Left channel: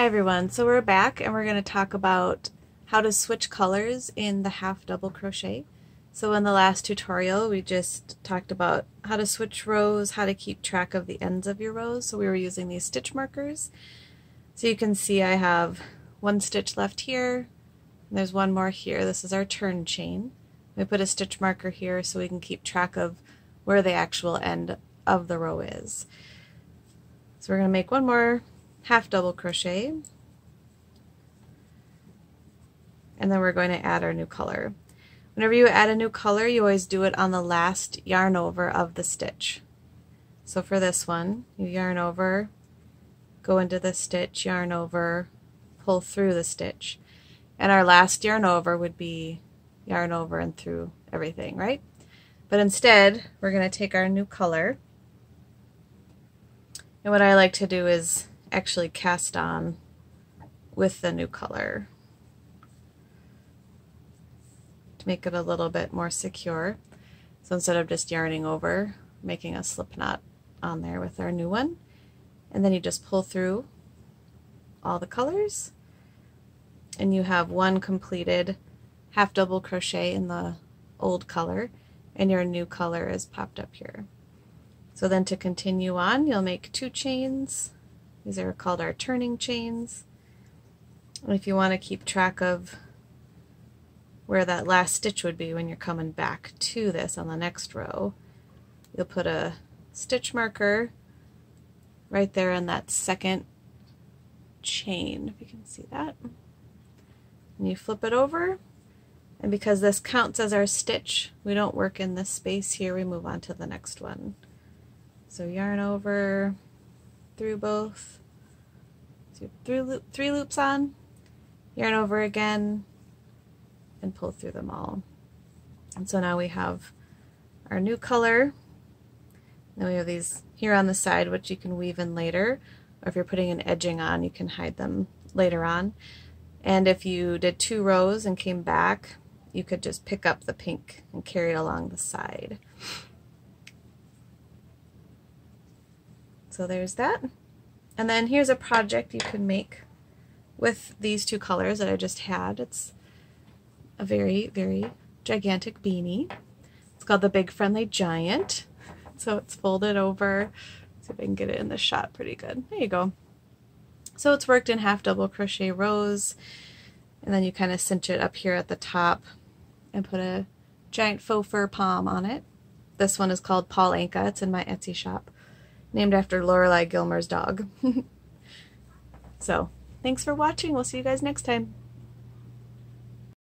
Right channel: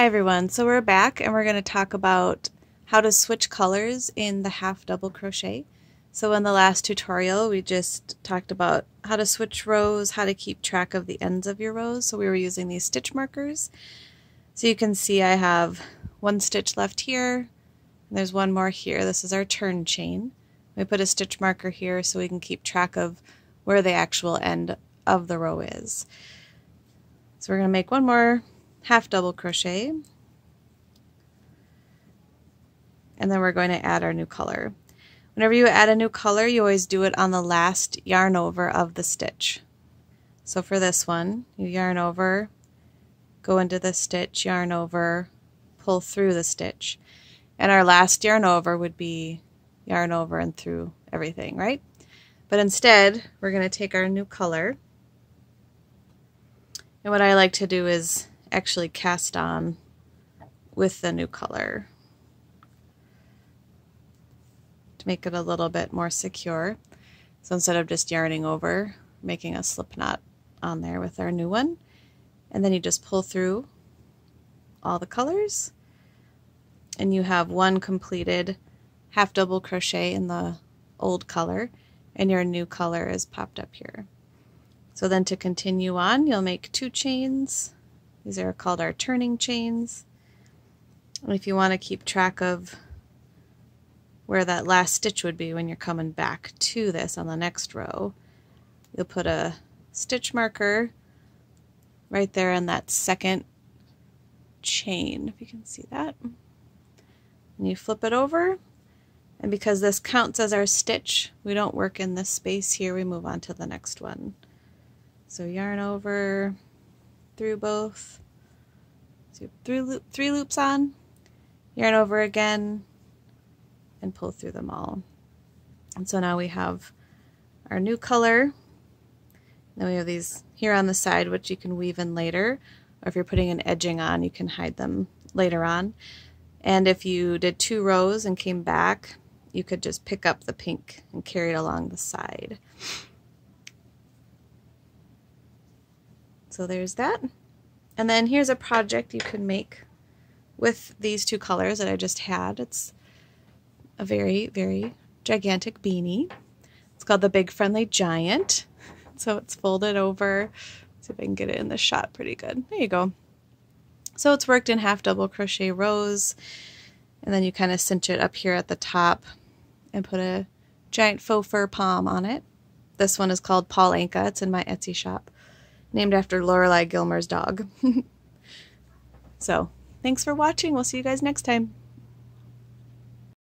Hi everyone, so we're back and we're going to talk about how to switch colors in the half double crochet. So in the last tutorial we just talked about how to switch rows, how to keep track of the ends of your rows. So we were using these stitch markers. So you can see I have one stitch left here, and there's one more here. This is our turn chain. We put a stitch marker here so we can keep track of where the actual end of the row is. So we're going to make one more half double crochet, and then we're going to add our new color. Whenever you add a new color, you always do it on the last yarn over of the stitch. So for this one, you yarn over, go into the stitch, yarn over, pull through the stitch, and our last yarn over would be yarn over and through everything, right? But instead, we're going to take our new color, and what I like to do is actually cast on with the new color to make it a little bit more secure. So instead of just yarning over, making a slip knot on there with our new one, and then you just pull through all the colors and you have one completed half double crochet in the old color, and your new color is popped up here. So then to continue on, you'll make 2 chains. These are called our turning chains. And if you want to keep track of where that last stitch would be when you're coming back to this on the next row, you'll put a stitch marker right there in that second chain, if you can see that. And you flip it over, and because this counts as our stitch, we don't work in this space here, we move on to the next one. So yarn over, through both, so through 3 loops on, yarn over again, and pull through them all. And so now we have our new color. Then we have these here on the side, which you can weave in later, or if you're putting an edging on, you can hide them later on. And if you did 2 rows and came back, you could just pick up the pink and carry it along the side. So there's that. And then here's a project you can make with these 2 colors that I just had. It's a very, very gigantic beanie. It's called the Big Friendly Giant. So it's folded over. Let's see if I can get it in the shot pretty good. There you go. So it's worked in half double crochet rows, and then you kind of cinch it up here at the top and put a giant faux fur pom on it. This one is called Paul Anka. It's in my Etsy shop, named after Lorelei Gilmer's dog. So, thanks for watching. We'll see you guys next time.